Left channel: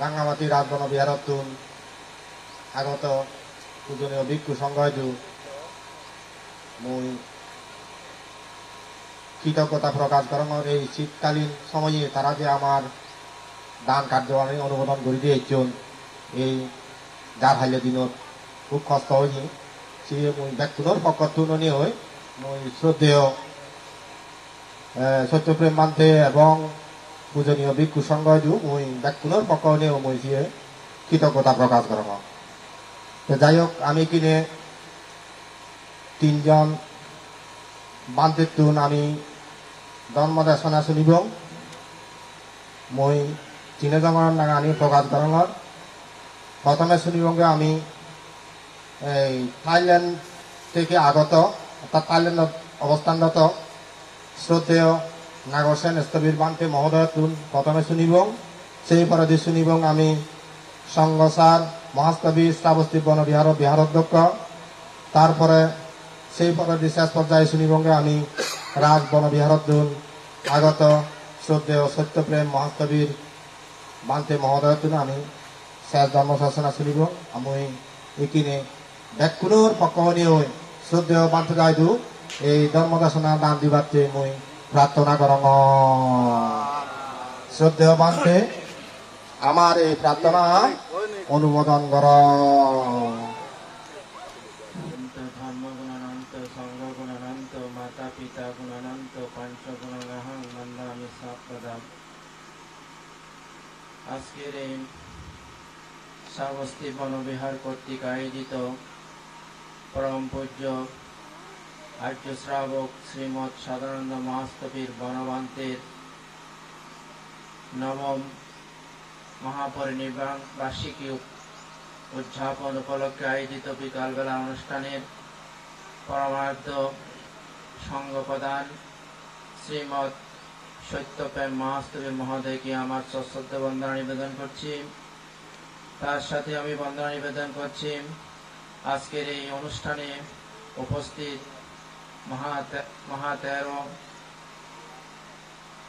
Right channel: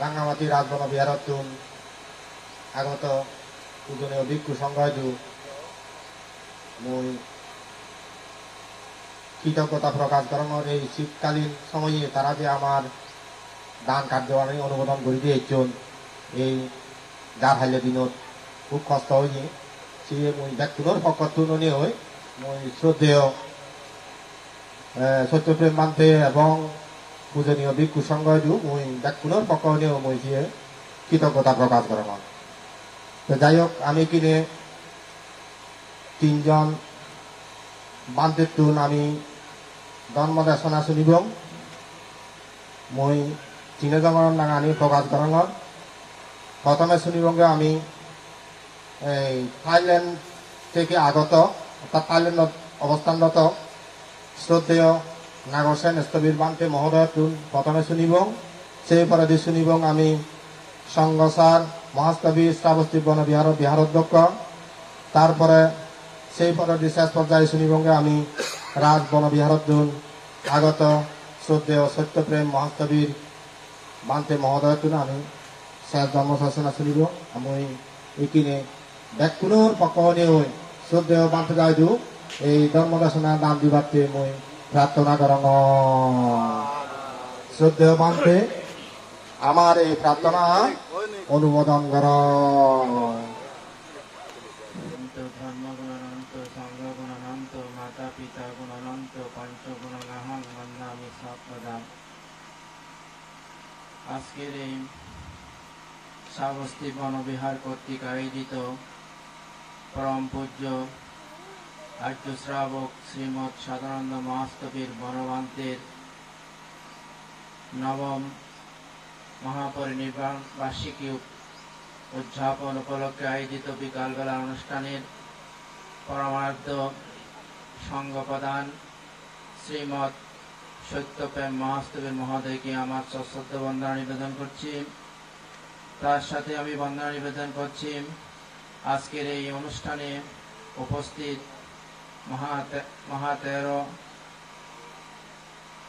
রাঙ্গামাটি রাজবন বিহারতুন আগত পূজনীয় ভিক্ষু সংঘয়ু মুই কৃতজ্ঞতা প্রকাশ করানোর এই শীতকালীন সময়ে তারা যে আমার দান কার্য আমি অনুমোদন করে দিয়েছেন এই যার হাইলে দিনত খুব কষ্ট হয়নি সে মুই ব্যক্তির পক্ষ তুলনি হই মুই শ্রদ্ধেয় সত্যপ্রেম মানতে এবং পূজনীয় ভিক্ষু সংঘয়ু মুই ব্যক্তির পক্ষ নিয়েও মুই সে কৃতজ্ঞতা প্রকাশ করানো। তো যাই হোক আমি কিনে তিনজন বান্তের তুন আমি জন্মদেশনা শুনিব মই তিনজনের নাঙা আনি প্রকাশ করানোর প্রথমে শুনিবঙ্গে আমি এই থাইল্যান্ড থেকে আগত অর্থাৎ থাইল্যান্ড অবস্থানরত শ্রদ্ধেয় নাগরসেন স্থবির বান্তে মহোদয় তুন প্রথমে শুনিব। সেই পরে শুনিব আমি সংঘসার মহাস্থবির শ্রাবস্তী বনবিহার বিহারাধ্যক্ষ। তারপরে সেই পরে শেষ পর্যায়ে শুনিবঙ্গে আমি রাজ বনবিহারতুন আগত শ্রদ্ধেয় সত্যপ্রেম মহাস্থবির বান্তে মহোদয় তুন আমি শেষ জন্মশাসনা শুনিব। আমি এইখানে ব্যক্তির পক্ষ নিয়ে শ্রদ্ধেয় বান্তে গাইদু এই ধর্মদাসনা দান দিবাতে মই প্রার্থনা করং। শ্রদ্ধেয় বান্তে আমার এই প্রার্থনা অনুমোদন কর। আজকের এই শ্রাবস্তী বনবিহার কর্তৃক আয়োজিত পরম পূজ্য আর্য শ্রাবক শ্রীমৎ সদানন্দ মহাস্থবির বনবান্তের নবম মহাপরিনির্বাণ বার্ষিকী উদযাপন উপলক্ষে আয়োজিত বিকালবেলা অনুষ্ঠানের পরমারাধ্য সংঘ প্রধান শ্রীমৎ সত্যপ্রেম মহাস্থবির মহোদয়কে আমার সশ্রদ্ধ বন্দনা নিবেদন করছি। তার সাথে আমি বন্দনা নিবেদন করছি আজকের এই অনুষ্ঠানে উপস্থিত মহাতেরো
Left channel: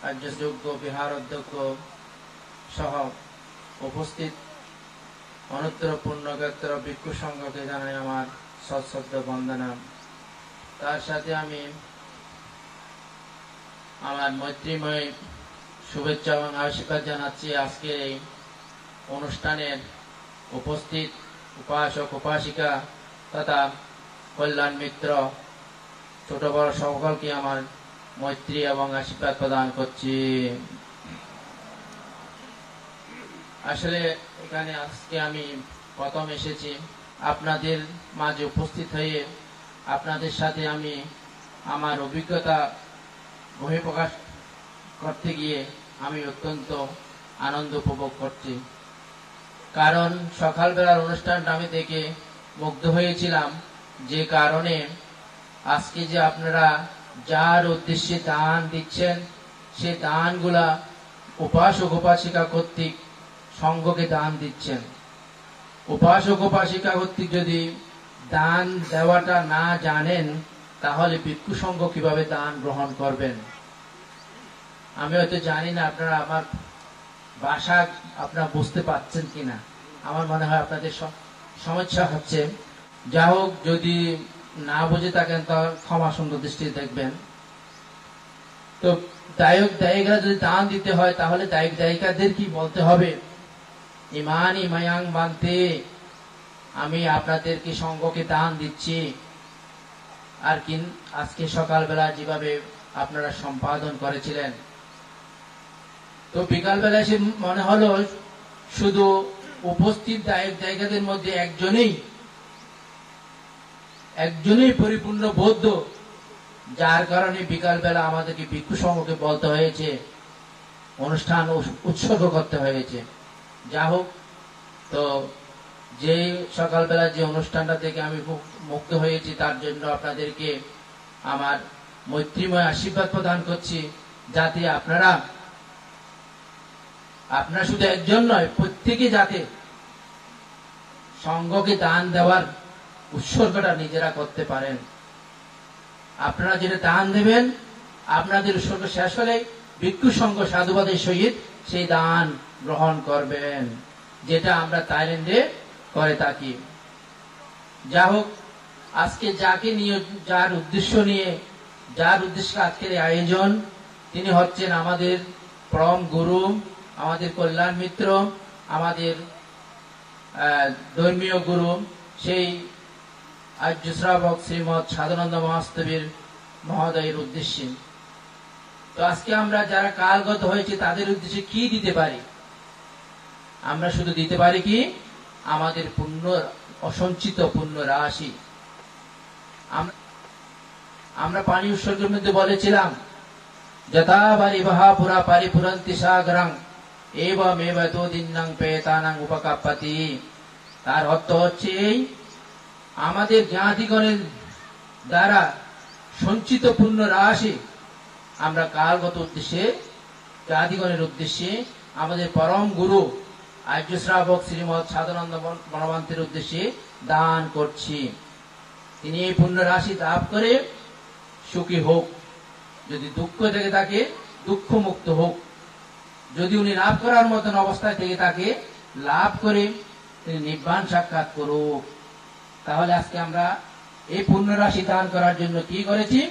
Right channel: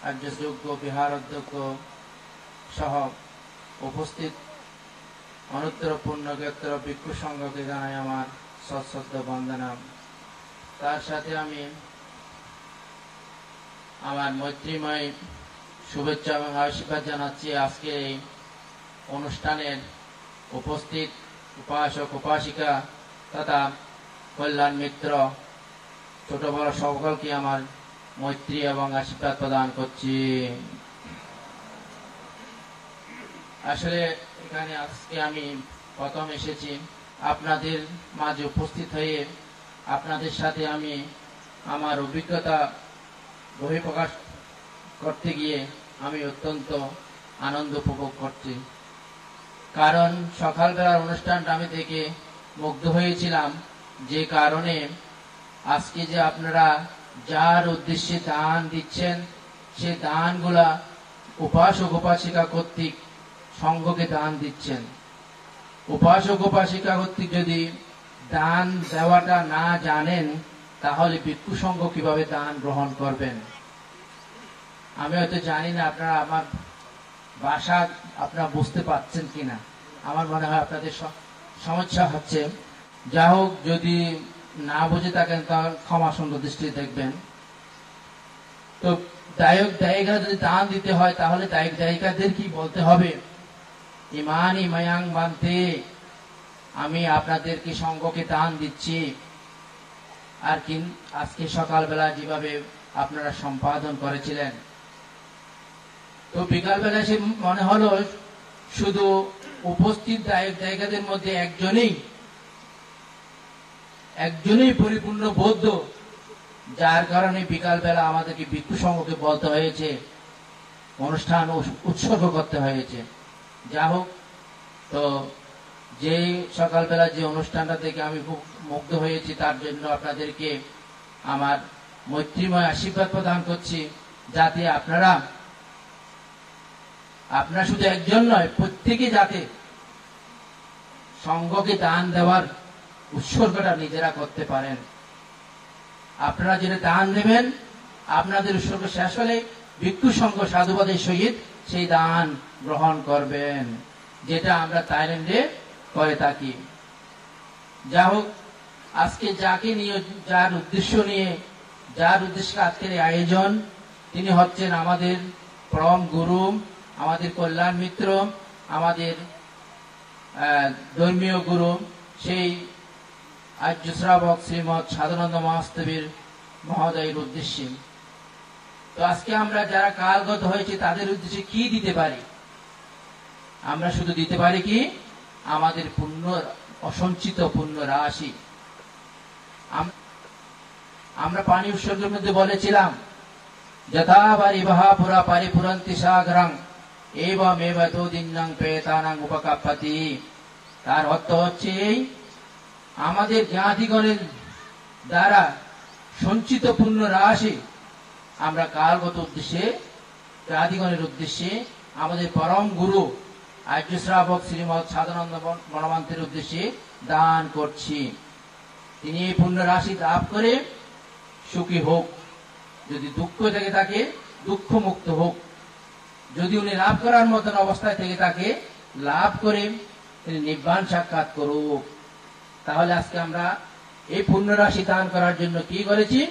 আর্যযোগ্য বিহার অধ্যক্ষ সহ উপস্থিত অনুত্তর পূর্ণক্ষেত্র ভিক্ষু সংঘকে জানাই আমার সশ্রদ্ধ বন্দনা। তার সাথে আমি আমার মৈত্রীময় শুভেচ্ছা এবং আশীর্বাদ জানাচ্ছি আজকের এই অনুষ্ঠানের উপস্থিত উপাসক উপাসিকা তথা কল্যাণ মিত্র ছোট বড় সকলকে আমার মৈত্রী এবং আশীর্বাদ প্রদান করছি। আসলে এখানে আজকে আমি প্রথম এসেছি আপনাদের মাঝে উপস্থিত হয়ে আপনাদের সাথে আমি আমার অভিজ্ঞতা বহিঃপ্রকাশ করতে গিয়ে আমি অত্যন্ত আনন্দ উপভোগ করছি। কারণ সকালবেলার অনুষ্ঠানটা আমি দেখে মুগ্ধ হয়েছিলাম, যে কারণে আজকে যে আপনারা যার উদ্দেশ্যে দান দিচ্ছেন সেই দানগুলা উপাসক উপাসিকা কর্তৃক সংঘকে দান দিচ্ছেন। উপাসক উপাসিকা কর্তৃক যদি দান দেওয়াটা না জানেন তাহলে ভিক্ষু সংঘ কিভাবে দান গ্রহণ করবেন? আমি হয়তো জানি না আপনারা আমার ভাষা আপনারা বুঝতে পারছেন কিনা, আমার মনে হয় আপনাদের সমস্যা হচ্ছে। যা হোক, যদি না বুঝে থাকেন তাহলে ক্ষমা সুন্দর দৃষ্টিতে দেখবেন। তো দায়ক দায়িকা যদি দান দিতে হয় তাহলে দায়ক দায়িকাদের কি বলতে হবে? ইমানি মায়াং বান্তে, আমি আপনাদেরকে সংঘকে দান দিচ্ছি। আর কি আজকে সকালবেলা যেভাবে আপনারা সম্পাদন করেছিলেন, তো বিকালবেলা এসে মনে হলো শুধু উপস্থিত দায়ক দায়িকাদের মধ্যে একজনই পরিপূর্ণ বৌদ্ধ, যার কারণে বিকালবেলা আমাদেরকে ভিক্ষু সংঘকে বলতে হয়েছে, অনুষ্ঠান উৎসর্গ করতে হয়েছে। যা হোক, তো যে সকালবেলা যে অনুষ্ঠানটা থেকে আমি খুব মুগ্ধ হয়েছি তার জন্য আপনাদেরকে আমার মৈত্রীময় আশীর্বাদ প্রদান করছি, যাতে আপনারা শুধু একজন নয়, প্রত্যেকে যাতে সংঘকে দান দেওয়ার উৎসর্গটা নিজেরা করতে পারেন। আপনারা যেটা দান দেবেন, আপনাদের উৎসর্গ শেষ হলে ভিক্ষু সংঘ সাধুবাদের সহিত সেই দান গ্রহণ করবেন। যেটা আমরা থাইল্যান্ডে করে থাকি। যা হোক, আজকে যাকে নিয়ে, যার উদ্দেশ্যে আজকের এই আয়োজন, তিনি হচ্ছেন আমাদের পরম গুরু, আমাদের কল্যাণ মিত্র, আমাদের ধর্মীয় গুরু, সেই আর্য শ্রাবক শ্রীমৎ সাধনানন্দ মহাস্তবীর মহোদয়ের উদ্দেশ্যে। তো আজকে আমরা যারা কালগত হয়েছে তাদের উদ্দেশ্যে কি দিতে পারি? আমরা শুধু দিতে পারি কি আমাদের পুণ্য, অসঞ্চিত পুণ্য রাশি। আমরা পানি উৎসর্গের মধ্যে বলেছিলাম, যথা পরিবহা পুরা পরিপুরন্তি সাগরং এবমেব তদিন্নং পেতানাং উপকাপ্পতি। তার অর্থ হচ্ছে আমাদের জ্ঞাতিগণের দ্বারা সঞ্চিত পুণ্য রাশি আমরা কালগত উদ্দেশ্যে, জ্ঞাতিগণের উদ্দেশ্যে, আমাদের পরম গুরু আর্য শ্রাবক শ্রীমৎ সাধনানন্দ মহামন্ত্রের উদ্দেশ্যে দান করছি। তিনি এই পুণ্য রাশি লাভ করে সুখী হোক, যদি দুঃখ থেকে থাকে দুঃখ মুক্ত হোক, যদি উনি লাভ করার মতন অবস্থায় থেকে থাকে লাভ করে তিনি নির্বাণ সাক্ষাৎ করুক। তাহলে আজকে আমরা এই পুণ্য রাশি দান করার জন্য কি করেছি?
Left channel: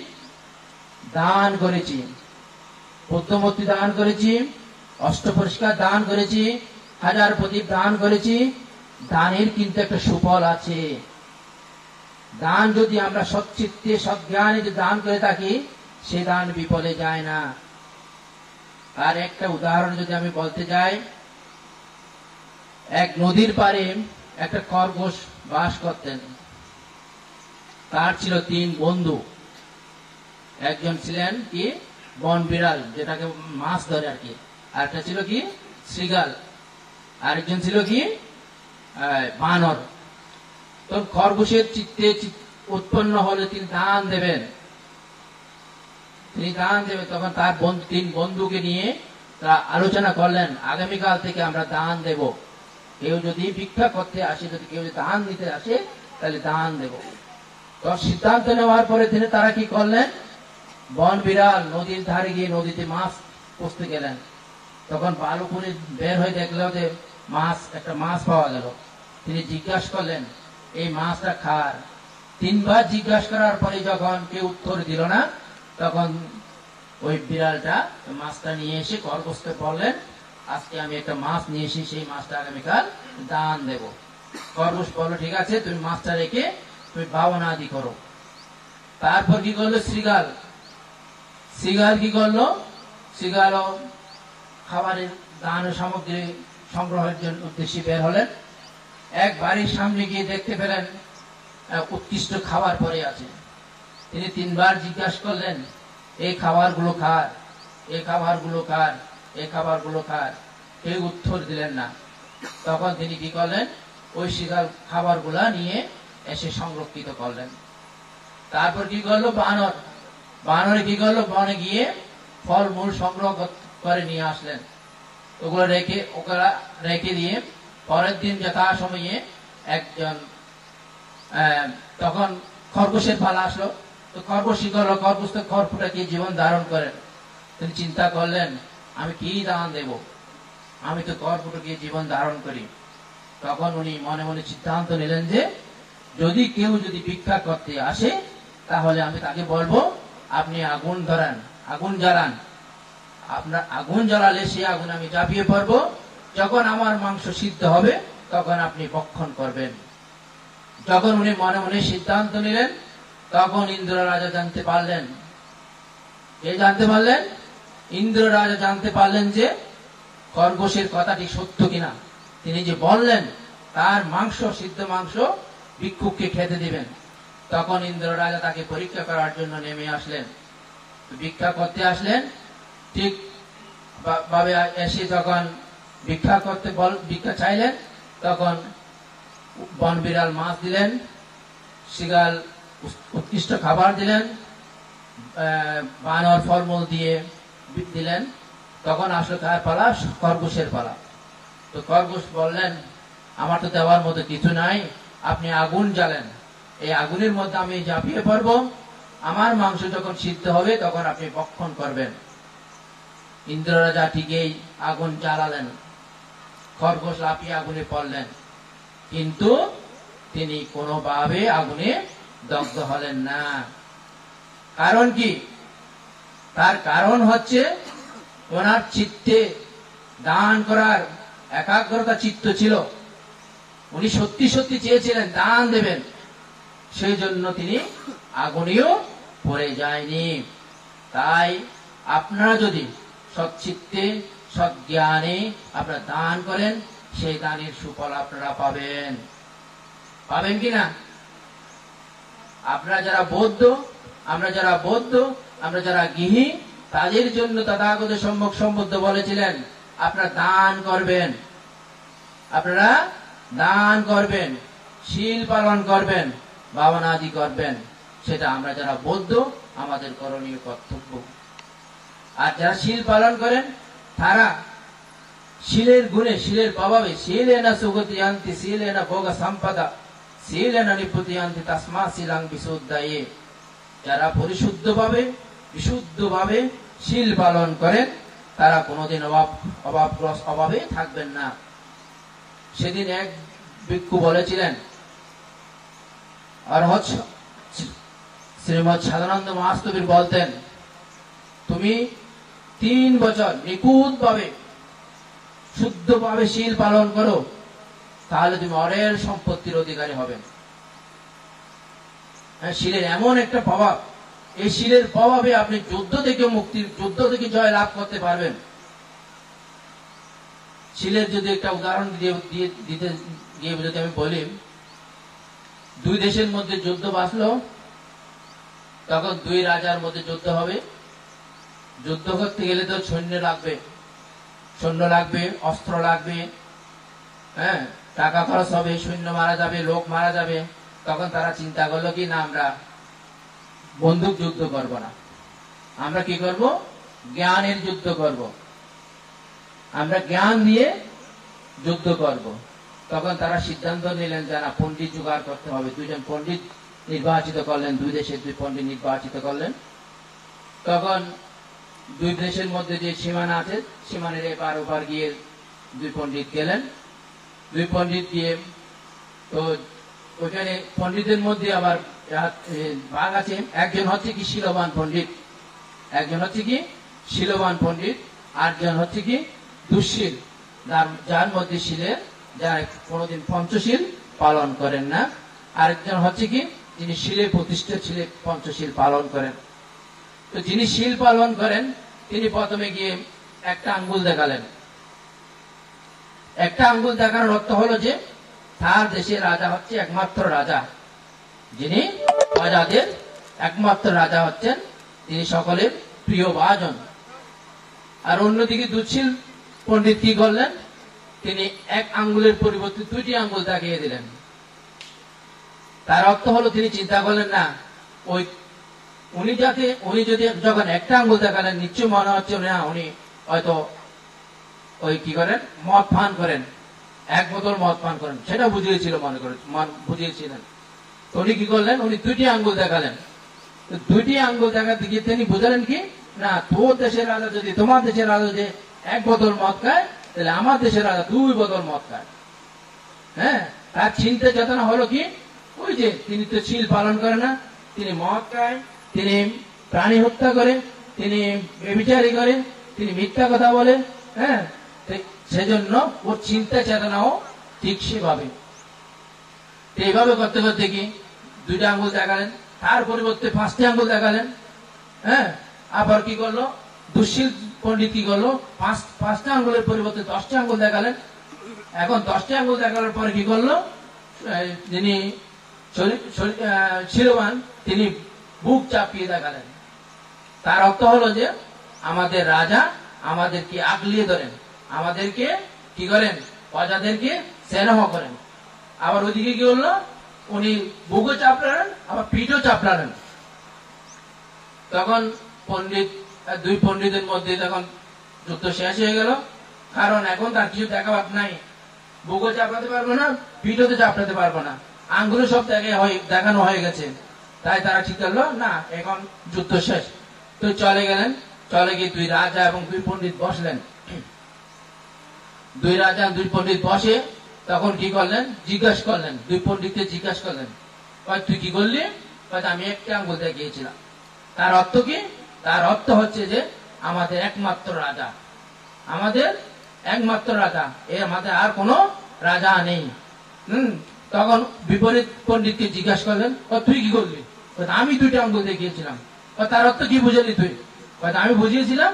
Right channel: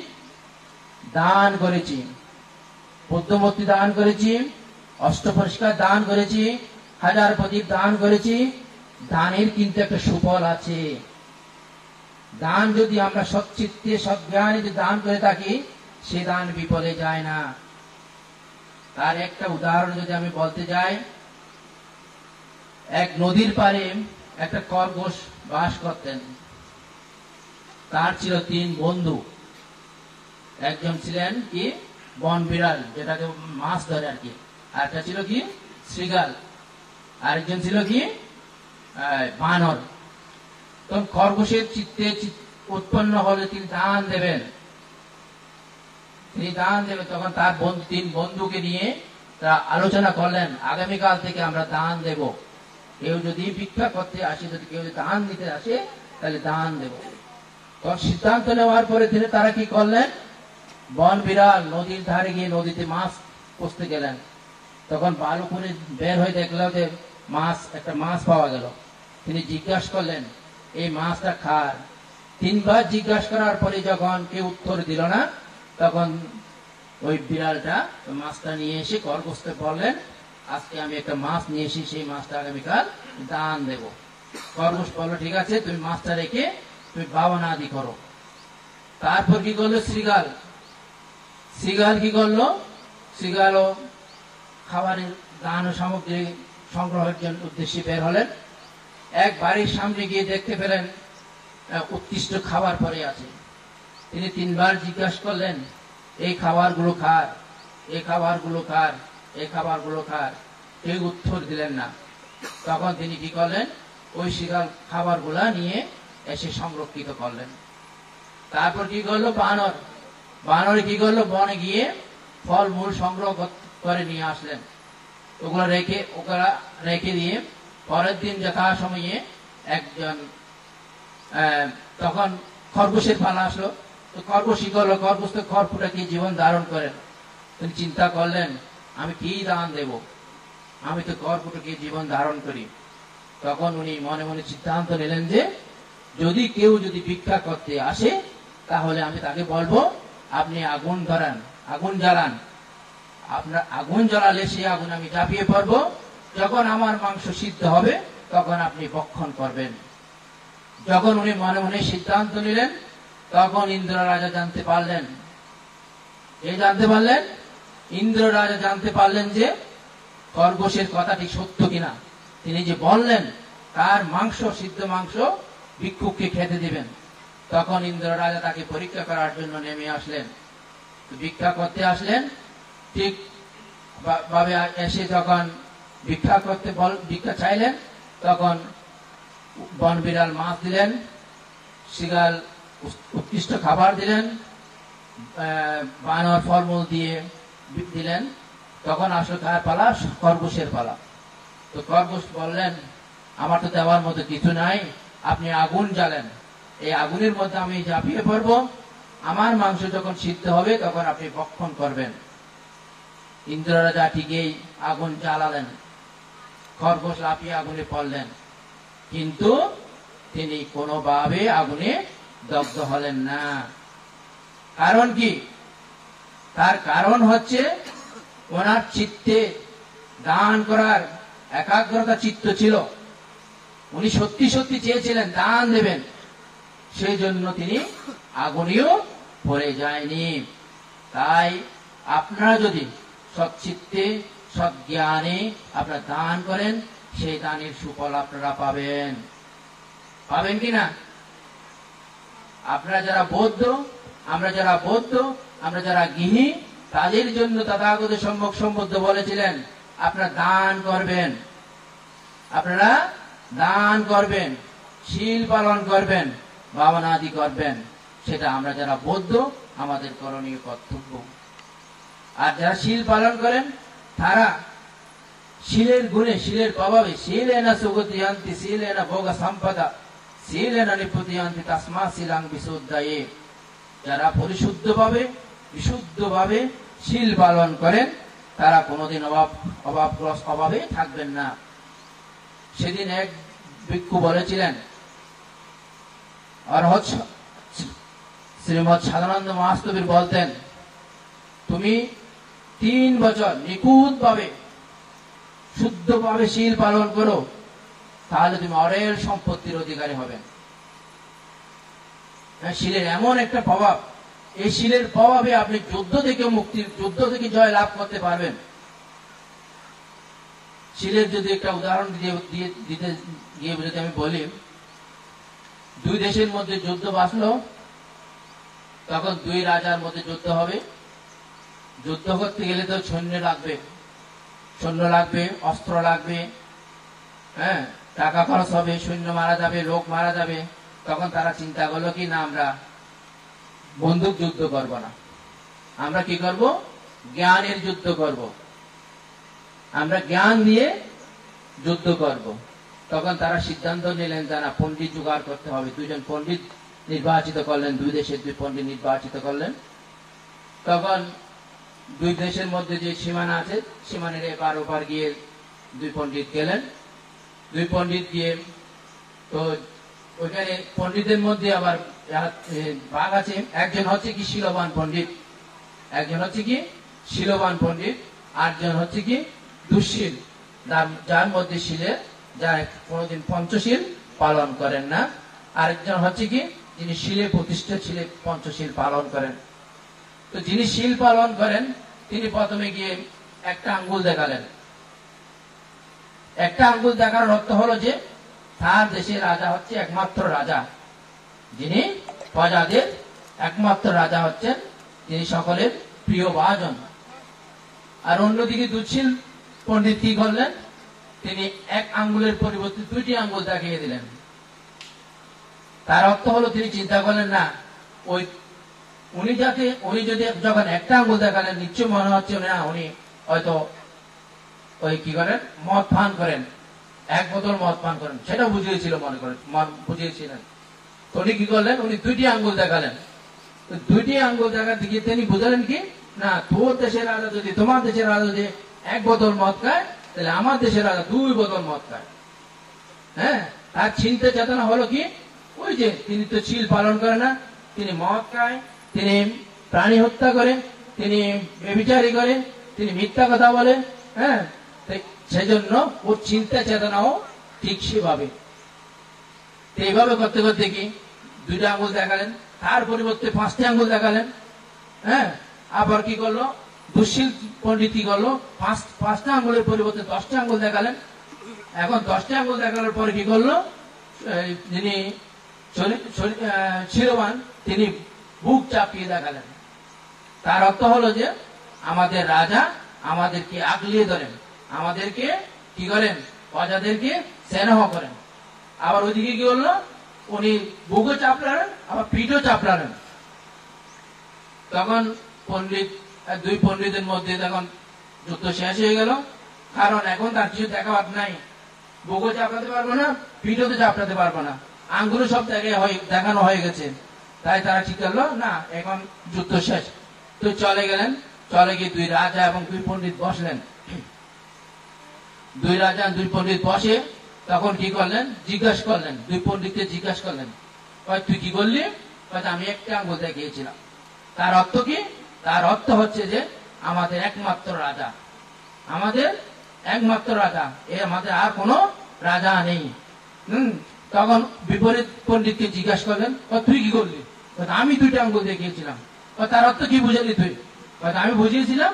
দান করেছি, পদ্মমূর্তি দান করেছি, অষ্টপরিষ্কার দান করেছি, 1000 প্রদীপ দান করেছি। দানের কিন্তু একটা সুফল আছে। দান যদি আমরা সচ্চিত্তে সজ্ঞানে যদি দান করে থাকি, সে দান বিফলে যায় না। তার একটা উদাহরণ যদি আমি বলতে যাই, এক নদীর পাড়ে একটা খরগোশ বাস করতেন। তার ছিল 3 বন্ধু। একজন ছিলেন কি বন বিড়াল, যেটাকে মাছ ধরে আর কি, আরেকটা ছিল কি শৃগাল, আরেকজন ছিল কি বানর। তো খরগোশের চিত্তে উৎপন্ন হলে তিনি দান দেবেন, তখন তার 3 বন্ধুকে নিয়ে তারা আলোচনা করলেন, আগামীকাল থেকে আমরা দান দেব। কেউ যদি ভিক্ষা করতে আসে, যদি কেউ দান দিতে আসে, তাহলে দান দেব। তো সিদ্ধান্ত নেওয়ার পরে তারা কি করলেন? বন বিড়াল নদীর ধারে গিয়ে নদীতে মাছ পুষতে গেলেন। তখন বালুকুনি বের হয়ে দেখলো যে একটা মাছ পাওয়া গেল। তিনি জিজ্ঞাসা করলেন, এই মাছটা খার। 3 বার জিজ্ঞাসা করার পরে যখন কেউ উত্তর দিল না, তখন ওই বিড়ালটা মাছটা নিয়ে এসে খরগোশকে বললেন, আজকে আমি একটা মাছ নিয়ে এসে সেই মাছটা আগামীকাল দান দেব। খরগোশ বলল, ঠিক আছে, তুমি মাছটা রেখে তুমি ভাবনা আদি করো। তারপর কি করলো শৃগাল কি করলো? শৃগালও খাবারের দান সামগ্রী সংগ্রহের জন্য উদ্দেশ্যে বের হলেন। এক বাড়ির সামনে গিয়ে দেখতে পেলেন উৎকৃষ্ট খাবার পড়ে আছে। তিনি 3 বার জিজ্ঞাসা করলেন, এই খাবারগুলো কার, এই খাবারগুলো কার, এই খাবারগুলো কার? কেউ উত্তর দিলেন না। তখন তিনি কি করলেন? ওই শৃগাল খাবারগুলা নিয়ে এসে সংরক্ষিত করলেন। তারপর কি করলো বানর কি করলো? বনে গিয়ে ফলমূল সংগ্রহ করে নিয়ে আসলেন। ওগুলো রেখে দিয়ে পরের দিন যথাসময়ে একজন, তখন খরগোশের পালা আসলো। তো খরগোশ কি করলো? খরগোশ তো খড়কুটা কি জীবন ধারণ করেন। তিনি চিন্তা করলেন, আমি কি দান দেব, আমি তো খড়কুটা কি জীবন ধারণ করি। তখন উনি মনে মনে সিদ্ধান্ত নিলেন যে যদি কেউ ভিক্ষা করতে আসে, তাহলে আমি তাকে বলবো, আপনি আগুন জ্বালান। আপনার আগুন জ্বালালে সেই আগুন আমি ঝাঁপিয়ে পড়বো। যখন আমার মাংস সিদ্ধ হবে তখন আপনি ভক্ষণ করবেন। যখন উনি মনে মনে সিদ্ধান্ত নিলেন, তখন ইন্দ্র রাজা জানতে পারলেন। ইন্দ্র রাজা জানতে পারলেন যে খরগোশের কথাটি সত্য কিনা। তিনি যে বললেন তার সিদ্ধ মাংস ভিক্ষুককে খেতে দিবেন। তখন ইন্দ্র রাজা তাকে পরীক্ষা করার জন্য নেমে আসলেন, ভিক্ষা করতে আসলেন। ঠিক ভাবে এসে যখন ভিক্ষা চাইলেন, তখন বন বিড়াল মাছ দিলেন, শৃগাল উৎকৃষ্ট খাবার দিলেন, বানর ফলমূল দিয়ে দিলেন। তখন আসলে কার পালা? খরগোশের পালা। তো খরগোশ বললেন, আমার তো দেওয়ার মতো কিছু নাই, আপনি আগুন জ্বালেন, এই আগুনের মধ্যে আমি ঝাঁপিয়ে পড়ব, আমার মাংস যখন সিদ্ধ হবে তখন আপনি ভক্ষণ করবেন। ইন্দ্র রাজা ঠিকই আগুন জ্বালালেন। খরগোশ লাফিয়ে আগুনে পড়লেন, কিন্তু তিনি কোনোভাবে আগুনে দগ্ধ হলেন না। কারণ কি? তার কারণ হচ্ছে ওনার চিত্তে দান করার একাগ্রতা চিত্ত ছিল। উনি সত্যি সত্যি চেয়েছিলেন দান দেবেন, সেই জন্য তিনি আগুনেও পড়ে যায়নি। তাই আপনারা যদি সচ্চিত্তে সজ্ঞানে আপনারা দান করেন, সেই দানের সুফল আপনারা পাবেন। পাবেন কিনা? আপনারা যারা বৌদ্ধ, আমরা যারা বৌদ্ধ, আমরা যারা গৃহী, তাদের জন্য তথাগত সম্যক সম্বুদ্ধ বলেছিলেন আপনারা দান করবেন, আপনারা দান করবেন, শীল পালন করবেন, ভাবনাদি করবেন। সেটা আমরা যারা বৌদ্ধ আমাদের করণীয় কর্তব্য। আর যারা শীল পালন করেন তারা শীলের গুণে, শীলের প্রভাবে, শীলেনা সুগতিয়ান্তি শীলেনা ভোগ সম্পদা শীলেনা নিপুতিয়ান্তি তস্মা শীলাং বিশুদ্ধায়ে। যারা পরিশুদ্ধভাবে বিশুদ্ধভাবে শীল পালন করেন তারা কোনোদিন অভাবে থাকবেন না। সেদিন এক ভিক্ষু বলেছিলেন, আর শ্রীমৎ সাধানন্দ মহাস্তবীর বলতেন, তুমি 3 বছর নিখুঁতভাবে শুদ্ধভাবে শীল পালন করো, তাহলে তুমি অরেল সম্পত্তির অধিকারী হবেন। শীলের এমন একটা প্রভাব, এই শীলের প্রভাবে আপনি যুদ্ধ থেকে মুক্তি, যুদ্ধ থেকে জয় লাভ করতে পারবেন। শীলের যদি একটা উদাহরণ দিতে গিয়ে যদি আমি বলি, 2 দেশের মধ্যে যুদ্ধ বাঁচলো, তখন 2 রাজার মধ্যে যুদ্ধ হবে। যুদ্ধ করতে গেলে তো সৈন্য লাগবে, অস্ত্র লাগবে, হ্যাঁ, টাকা খরচ হবে, সৈন্য মারা যাবে, লোক মারা যাবে। তখন তারা চিন্তা করলো কি না, আমরা বন্দুক যুদ্ধ করব না, আমরা কি করব? জ্ঞানের যুদ্ধ করব, আমরা জ্ঞান দিয়ে যুদ্ধ করব। তখন তারা সিদ্ধান্ত নিলেন যে না, পণ্ডিত জোগাড় করতে হবে। 2 জন পণ্ডিত নির্বাচিত করলেন, 2 দেশের 2 পণ্ডিত নির্বাচিত করলেন। তখন 2 দেশের মধ্যে যে সীমানা আছে, সীমানের এপার ওপার গিয়ে 2 পণ্ডিত গেলেন। 2 পণ্ডিত গিয়ে, তো ওখানে পণ্ডিতের মধ্যে আবার ভাগ আছে। একজন হচ্ছে কি শীলবান পণ্ডিত, একজন হচ্ছে কি শীলবান পণ্ডিত, আরেকজন হচ্ছে কি দুঃশীল, যার মধ্যে শীলে, যারা কোনোদিন পঞ্চশীল পালন করেন না। আরেকজন হচ্ছে কি যিনি শীলে প্রতিষ্ঠিত, শীলে পঞ্চশীল পালন করেন। তো যিনি শীল পালন করেন তিনি প্রথমে গিয়ে একটা আঙ্গুল দেখালেন। একটা আঙ্গুল দেখানোর অর্থ হলো যে তার দেশের রাজা হচ্ছে একমাত্র রাজা, যিনি প্রজাদের একমাত্র রাজা হচ্ছেন, তিনি সকলের প্রিয় ভাজন। আর অন্যদিকে দুঃশীল পণ্ডিত কি করলেন, তিনি এক আঙ্গুলের পরিবর্তে 2টি আঙ্গুল দেখিয়ে দিলেন। তার অর্থ হলো তিনি চিন্তা করলেন না, উনি যদি যখন একটা আঙ্গুল দেখালেন, নিশ্চয় মনে হচ্ছে না উনি হয়তো কি করেন, মদ পান করেন, 1 বোতল মদ পান করেন, সেটা বুঝিয়েছিল, মনে করেন বুঝিয়েছিলেন। তো উনি কি করলেন, উনি 2টি আঙ্গুল দেখালেন। তো 2টি আঙ্গুল দেখাতে গিয়ে তিনি বুঝলেন কি না, তোর দেশের রাজা যদি, তোমার দেশের রাজা যে 1 বোতল মদ খায়, তাহলে আমার দেশের রাজা 2 বোতল মদ খায়। হ্যাঁ, তার চিন্তা চেতনা হলো কি, ওই যে তিনি তো শীল পালন করে না, তিনি মদ খায়, তিনি প্রাণী হত্যা করে, তিনি ব্যভিচারী করে, তিনি মিথ্যা কথা বলে। হ্যাঁ, সেজন্য ওর চিন্তা চেতনাও ঠিক সেভাবে। এইভাবে করতে করতে কি 2টা আঙ্গুল দেখালেন, তার পরিবর্তে 5টি আঙ্গুল দেখালেন। হ্যাঁ, আবার কি করলো, দুঃশীল পণ্ডিত কি করলো, 5টা আঙ্গুলের পরিবর্তে 10টা আঙ্গুল দেখালেন। এখন 10টা আঙ্গুল দেখানোর পরে কি করলো, যিনি শীলবান তিনি বুক চাপিয়ে দেখালেন। তার অর্থ হলো যে আমাদের রাজা আমাদেরকে আগলিয়ে ধরেন, আমাদেরকে কি করেন, প্রজাদেরকে স্নেহ করেন। আবার ওইদিকে কি হলো, উনি বুকও চাপড়ালেন, আবার পিঠও চাপড়ালেন। তখন 2 পণ্ডিতের মধ্যে তখন যুদ্ধ শেষ হয়ে গেল। কারণ এখন তার কিছু দেখাবার নাই, বুকও চাপড়াতে পারবো না, পিঠও তো চাপড়াতে পারবো না, আঙ্গুলও সব দেখানো হয়ে গেছে। তাই তারা ঠিক করলো না, এখন যুদ্ধ শেষ। তো চলে গেলেন, চলে গিয়ে 2 রাজা এবং 2 পণ্ডিত বসলেন। দুই রাজা দুই পণ্ডিত বসে, তখন কি করলেন, জিজ্ঞাসা করলেন, দুই পণ্ডিতকে জিজ্ঞাসা করলেন, তুই কি করলি? আমি একটা আঙ্গুল দেখিয়েছিলাম। তার অর্থ কি? তার অর্থ হচ্ছে যে আমাদের একমাত্র রাজা, আমাদের একমাত্র রাজা, এ আমাদের আর কোনো রাজা নেই। তখন বিপরীত পণ্ডিতকে জিজ্ঞাসা করলেন, তুই কি করলি? আমি দুইটা আঙ্গুল দেখিয়েছিলাম। তার অর্থ কি বুঝালি তুই? আমি বুঝিয়েছিলাম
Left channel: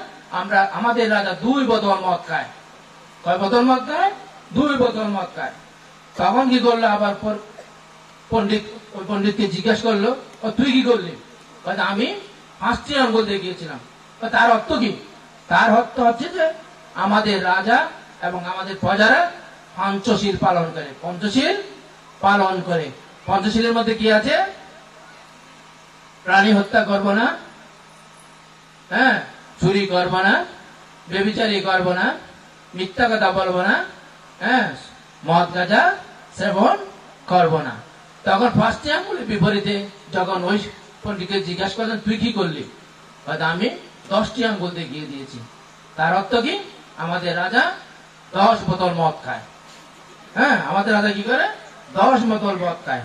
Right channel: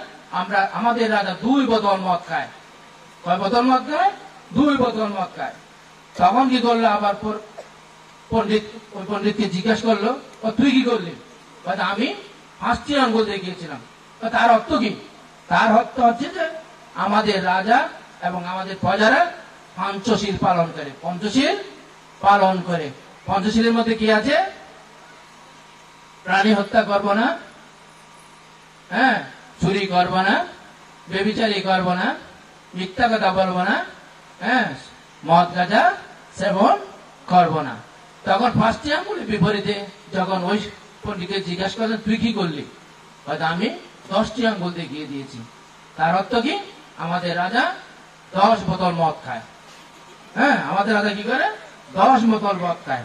আমাদের রাজা দুই বোতল মদ খায়। কয় বোতল মদ খায়? দুই বোতল মদ খায়। তখন কি করলো, আবার পণ্ডিতকে জিজ্ঞাসা করলো, তুই কি করলি? আমি 5টি আঙ্গুল দেখিয়েছিলাম। তার অর্থ কি? তার অর্থ হচ্ছে যে আমাদের রাজা এবং আমাদের প্রজারা পঞ্চশীল পালন করে, পঞ্চশীল পালন করে। পঞ্চশীলের মধ্যে কি আছে? প্রাণী হত্যা করব না, হ্যাঁ, চুরি করব না, বেবিচারি করব না, মিথ্যা কথা বলব না, হ্যাঁ, মদ গাঁজা সেবন করব না। তখন 5টি আঙ্গুলের বিপরীতে যখন ওই পণ্ডিতকে জিজ্ঞাসা করলেন, তুই কি করলি? আমি 10টি আঙ্গুল দেখিয়ে দিয়েছি। তার অর্থ কি? আমাদের রাজা 10 বোতল মদ খায়। হ্যাঁ, আমাদের রাজা কি করে? 10 বোতল মদ খায়।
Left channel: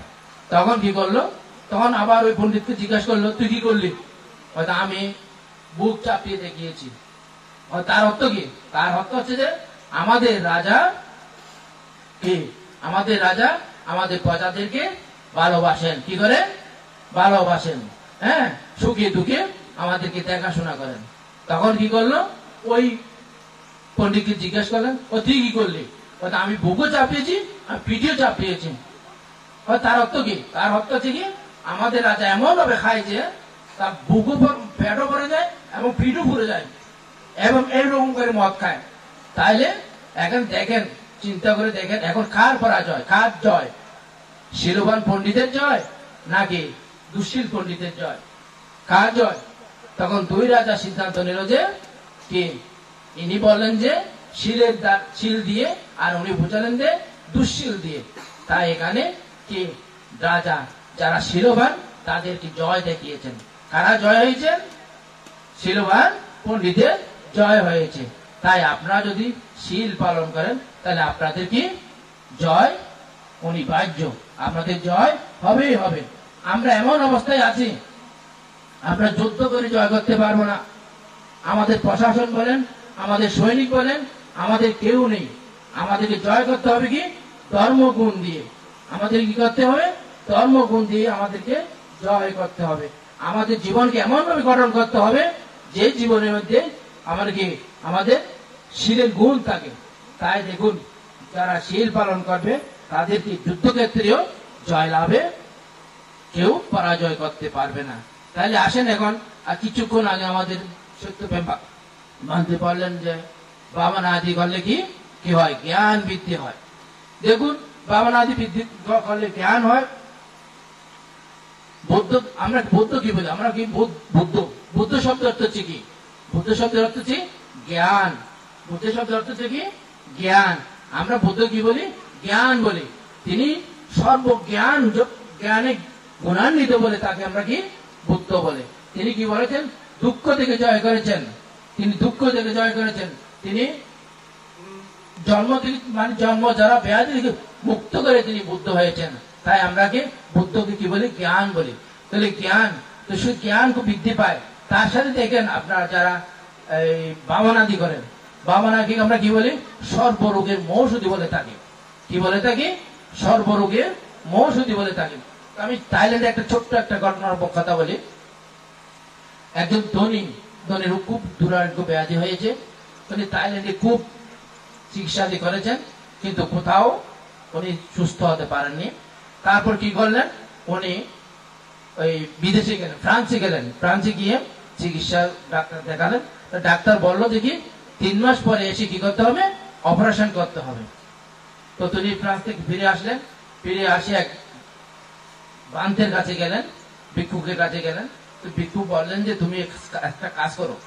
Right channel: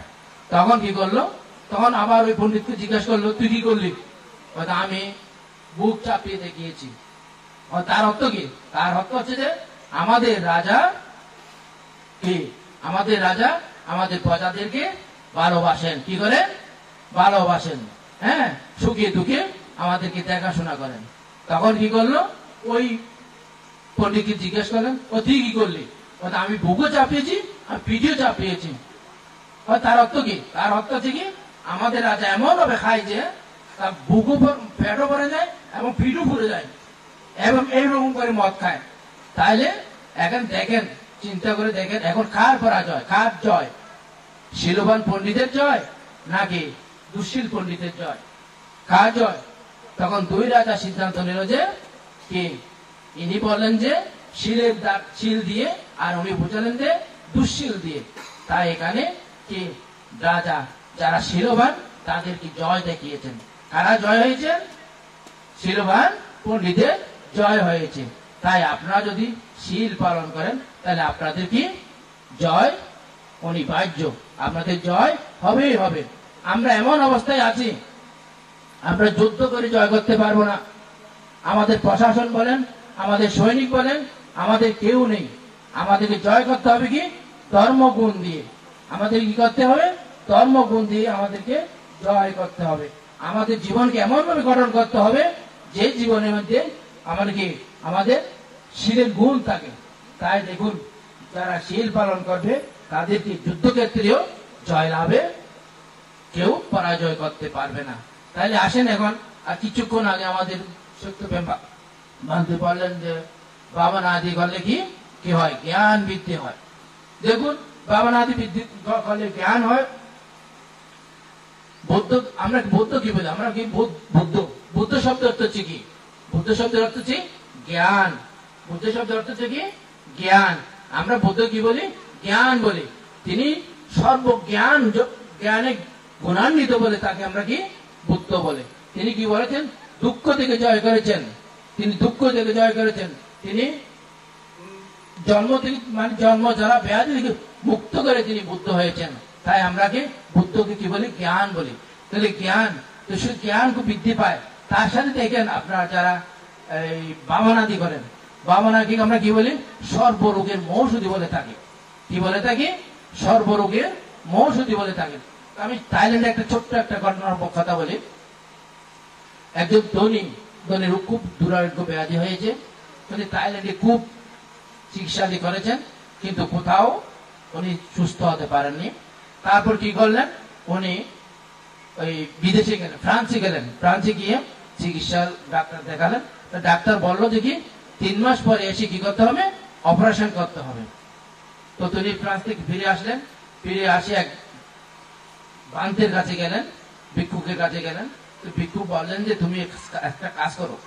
তখন কি করলো? তখন আবার ওই পণ্ডিতকে জিজ্ঞাসা করলো, তুই কি করলি? আমি বুক চাপিয়ে দেখিয়েছি। তার অর্থ কি? তার অর্থ হচ্ছে যে আমাদের রাজা কি, আমাদের রাজা আমাদের প্রজাদেরকে ভালোবাসেন। কি করে? ভালোবাসেন। হ্যাঁ, সুখে দুঃখে আমাদেরকে দেখাশোনা করেন। তখন কি করলো? ওই পণ্ডিতকে জিজ্ঞাসা করলেন, তুই কি করলি? আমি বুকও চাপিয়েছি, আমি পিঠেও চাপিয়েছি। তার অর্থ কি? তার অর্থ হচ্ছে কি, আমাদের রাজা এমন ভাবে খায় যে তার বুকও পেটও ভরে যায় এবং পিঠও ভরে যায়, এবং এইরকম করে মদ খায়। তাইলে এখন দেখেন, চিন্তা করে দেখেন, এখন কার পরাজয়, কার জয়? শীলবান পণ্ডিতের জয় নাকি দুঃশীল পণ্ডিতের জয়? কার জয়? তখন দুই রাজা সিদ্ধান্ত নিল যে কি, ইনি বললেন যে শিল দিয়ে, আর উনি বুঝালেন যে দুঃশীল দিয়ে। তাই এখানে কি রাজা যারা শীলবান তাদেরকে জয় দেখিয়েছেন। কারা জয় হয়েছে? শীলবান পণ্ডিতের জয় হয়েছে। তাই আপনারা যদি শীল পালন করেন তাহলে আপনাদের কি জয় অনিবার্য, আপনাদের জয় হবেই হবে। আমরা এমন অবস্থায় আছি, আমরা যুদ্ধ করে জয় করতে পারবো না। আমাদের প্রশাসন বলেন, আমাদের সৈনিক বলেন, আমাদের কেউ নেই। আমাদেরকে জয় করতে হবে কি? ধর্মগুণ দিয়ে। আমাদের কি করতে হবে? ধর্মগুণ দিয়ে আমাদেরকে জয় করতে হবে। আমাদের জীবনকে এমন ভাবে গঠন করতে হবে যে জীবনের মধ্যে আমাদের শীলের গুণ থাকে। তাই দেখুন, যারা শীল পালন করবে তাদেরকে যুদ্ধক্ষেত্রেও জয় লাভে কেউ পরাজয় করতে পারবে না। তাহলে আসেন, এখন আর কিছুক্ষণ আগে আমাদের সত্যপ্রেম মানতে পারলেন যে বাবা নাদি করলে কি হয়? জ্ঞান বৃদ্ধি হয়। দেখুন, বাবা নাদি বৃদ্ধি করলে জ্ঞান হয়। বৌদ্ধ, আমরা বৌদ্ধ কি বলি? আমরা কি বুদ্ধ? বুদ্ধ শব্দের অর্থ হচ্ছে কি? বুদ্ধ শব্দের অর্থ হচ্ছে জ্ঞান। বুদ্ধ শব্দের অর্থ হচ্ছে কি? জ্ঞান। আমরা বুদ্ধ কি বলি? জ্ঞান বলি। তিনি সর্বজ্ঞান, জ্ঞানে গুণান্বিত বলে তাকে আমরা কি বুদ্ধ বলে। তিনি কি বলেছেন? দুঃখ থেকে জয় করেছেন। তিনি দুঃখ থেকে জয় করেছেন। তিনি জন্ম থেকে, মানে জন্ম যারা ব্যাধি থেকে মুক্ত করে তিনি বুদ্ধ হয়েছেন। তাই আমরা কি বুদ্ধকে কি বলি? জ্ঞান বলি। তাহলে জ্ঞান, তো শুধু জ্ঞান তো বৃদ্ধি পায়, তার সাথে দেখেন আপনারা যারা এই বামনাদি করেন, বামনাকে আমরা কি বলি? সর্বরোগের মৌষধি বলে থাকি। কি বলে থাকি? সর্বরোগের মৌষধি বলে থাকি। আমি থাইল্যান্ডে একটা ছোট্ট একটা ঘটনার কথা বলি। একজন ধনীর খুব দুরারোগ্য ব্যাধি হয়েছে। তিনি থাইল্যান্ডে খুব চিকিৎসাদি করেছেন, কিন্তু কোথাও উনি সুস্থ হতে পারেননি। তারপর কি করলেন? উনি ওই বিদেশে গেলেন, ফ্রান্সে গেলেন। ফ্রান্সে গিয়ে চিকিৎসা ডাক্তার দেখালেন। ডাক্তার বললো দেখি 3 মাস পরে এসে কি করতে হবে? অপারেশন করতে হবে। তো তিনি ফ্রান্স থেকে ফিরে আসলেন। ফিরে আসে এক বান্তের কাছে গেলেন, ভিক্ষুকের কাছে গেলেন। তো ভিক্ষুক বললেন যে তুমি একটা কাজ করো,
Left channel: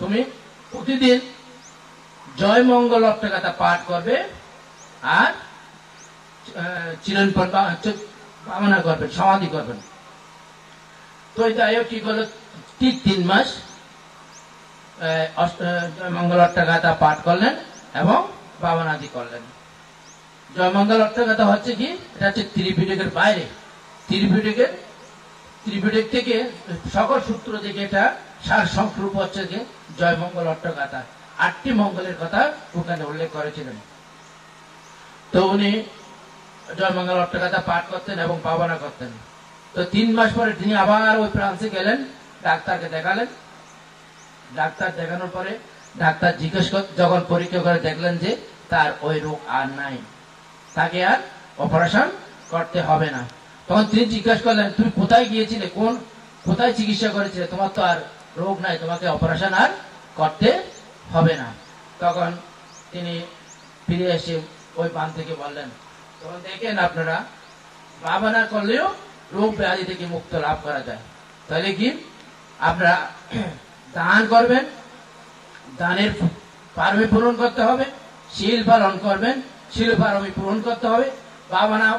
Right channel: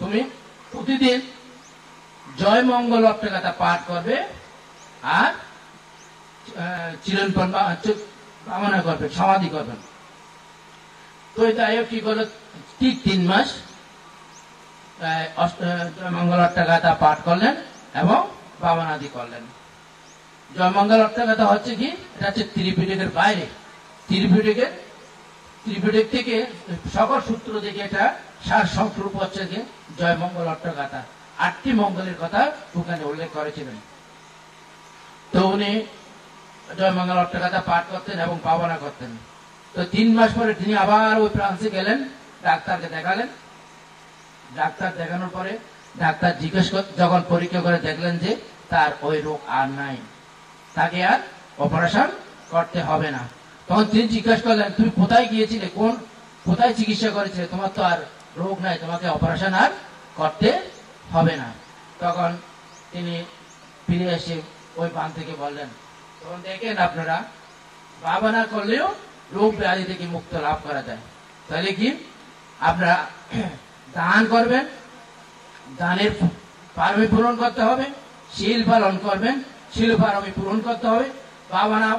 তুমি প্রতিদিন জয় মঙ্গল অপ্টাকাতা পাঠ করবে আর চিরন্তন কামনা করবেন, সমাধি করবেন। তো যাই হোক, কি করলো? 3 মাস মঙ্গল অপ্টাকাতা পাঠ করলেন এবং বাবনাদি করলেন। জয়মঙ্গল অট্টগাথা হচ্ছে কি, এটা হচ্ছে ত্রিপিটকের বাইরে, ত্রিপিটক থেকে সকল সূত্র থেকে এটা সার সংস্কৃপ হচ্ছে যে জয়মঙ্গল অট্টগাথা। 8টি মঙ্গলের কথা ওখানে উল্লেখ করেছিলেন। তো উনি জয়মঙ্গল অট্টগাথা পাঠ করতেন এবং ভাবনা করতেন। তো 3 মাস পরে তিনি আবার ওই ফ্রান্সে গেলেন, ডাক্তারকে দেখালেন। ডাক্তার দেখানোর পরে ডাক্তার জিজ্ঞেস যখন পরীক্ষা করে দেখলেন যে তার ওই রোগ আর নাই, তাকে আর অপারেশন করতে হবে না। তখন তিনি জিজ্ঞাসা করলেন, তুমি কোথায় গিয়েছিলে, কোথায় চিকিৎসা করেছিলে, তোমার তো আর রোগ নাই, তোমাকে অপারেশন আর করতে হবে না। তখন তিনি ফিরে এসে ওই বান থেকে বললেন, তখন দেখেন আপনারা, ভাবনা করলেও রোগ ব্যাধি থেকে মুক্ত লাভ করা যায়। তাহলে কি আপনারা দান করবেন, দানের পারমি পূরণ করতে হবে, শীল পালন করবেন, শীল পারমি পূরণ করতে হবে, ভাবনা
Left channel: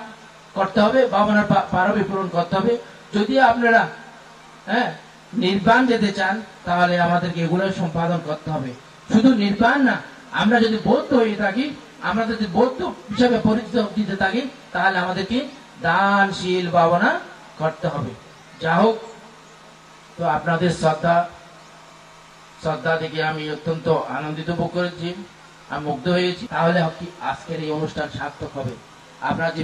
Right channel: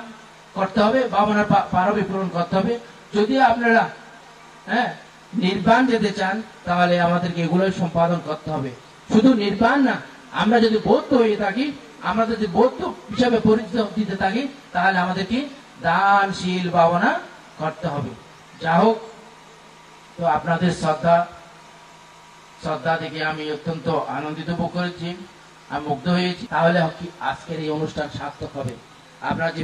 করতে হবে, ভাবনা পারমি পূরণ করতে হবে। যদি আপনারা নির্বাণ যেতে চান তাহলে আমাদেরকে এগুলো সম্পাদন করতে হবে। শুধু নির্বাণ না, আমরা যদি বৌদ্ধ হয়ে থাকি, আমরা যদি বৌদ্ধ হিসাবে পরিচয় দিতে থাকি, তাহলে আমাদেরকে দান শীল ভাবনা করতে হবে। যা হোক, তো আপনাদের শ্রদ্ধা থেকে আমি অত্যন্ত আনন্দিত বোধ করেছি, আমি মুগ্ধ হয়েছি। তাহলে আজকের এই অনুষ্ঠান সার্থক হবে। আপনারা যে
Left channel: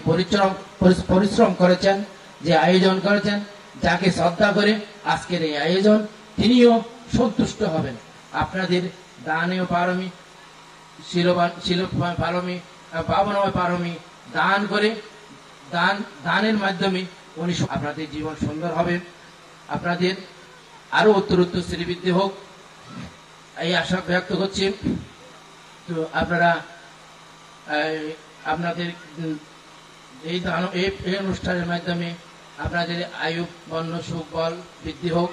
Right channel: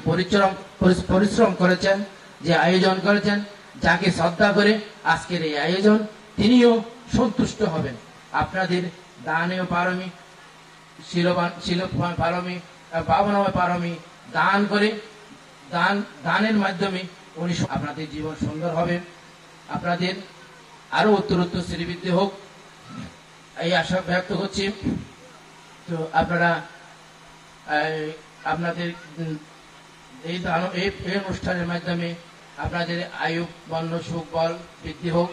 পরিশ্রম করেছেন, যে আয়োজন করেছেন, যাকে শ্রদ্ধা করে আজকের এই আয়োজন, তিনিও সন্তুষ্ট হবেন। আপনাদের দানীয় পারমি, শিলময় পারমি, ভাবনাময় পারমি দান করে, দানের মাধ্যমে উনি আপনাদের জীবন সুন্দর হবে, আপনাদের আরো উত্তরোত্তর শ্রীবৃদ্ধি হোক, এই আশা ব্যক্ত করছি। তো আপনারা আপনাদের এই অনুষ্ঠানের মাধ্যমে আপনাদের আয়ু বর্ণ সুখ বল বৃদ্ধি হোক।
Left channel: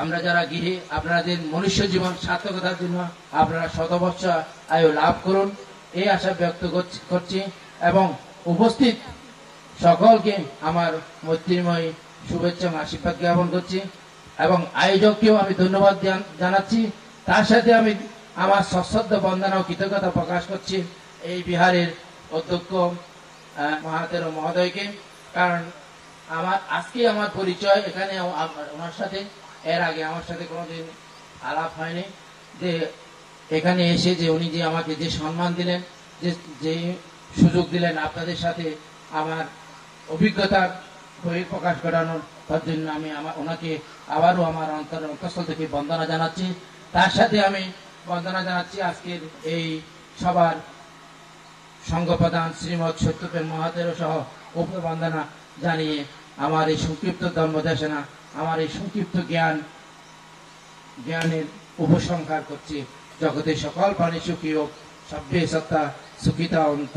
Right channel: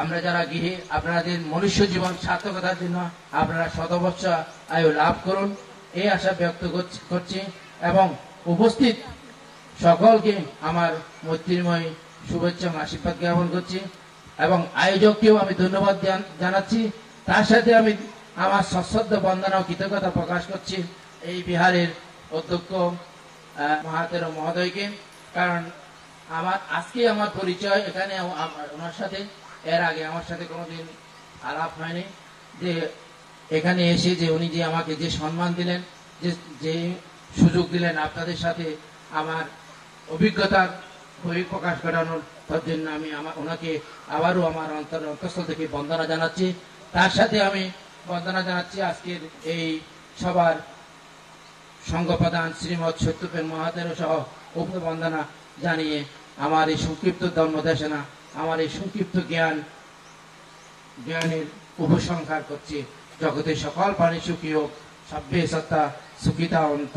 আমরা যারা গৃহী, আপনাদের মনুষ্য জীবন সার্থকতার জন্য আপনারা শতবৎসর আয়ু লাভ করুন, এই আশা ব্যক্ত করছি। এবং উপস্থিত সকলকে আমার মৈত্রীময় শুভেচ্ছা এবং আশীর্বাদ জ্ঞাপন করছি, এবং আয়োজককেও আমি ধন্যবাদ জানাচ্ছি। তার সাথে আমি আমার সশ্রদ্ধ বন্দনা ও কৃতজ্ঞতা প্রকাশ করছি এই বিহারের অধ্যক্ষ মহাতের মহোদয়কে। কারণ আজকে আমার পরিচয় এখানে ওনার সাথে, এর আগে আমার সাথে কোনোদিন আলাপ হয়নি। যে এখানে এসে যে উনি যে আমাকে যে সম্মান দিলেন, যে সুযোগ দিলেন আপনাদের সাথে আমার অভিজ্ঞতার বই প্রকাশ করানোর জন্য আমি ওনাকে আবারও আমার অন্তঃস্থল থেকে বন্দনা জানাচ্ছি। তার সাথে আমি বন্দনা জানাচ্ছি আজকের এই সবার সংঘপ্রধান শ্রীমৎ সত্যপেন মহাতের সহ উপবন্দনা জানিয়ে আমার এই সংক্ষিপ্ত ধর্মদেশনা, আমার এই সংক্ষিপ্ত জ্ঞানের উপসংহার করছি। জগতে সকল প্রাণী সুখী হোক, সভ্যে সত্তা সুখিতা অন্ত।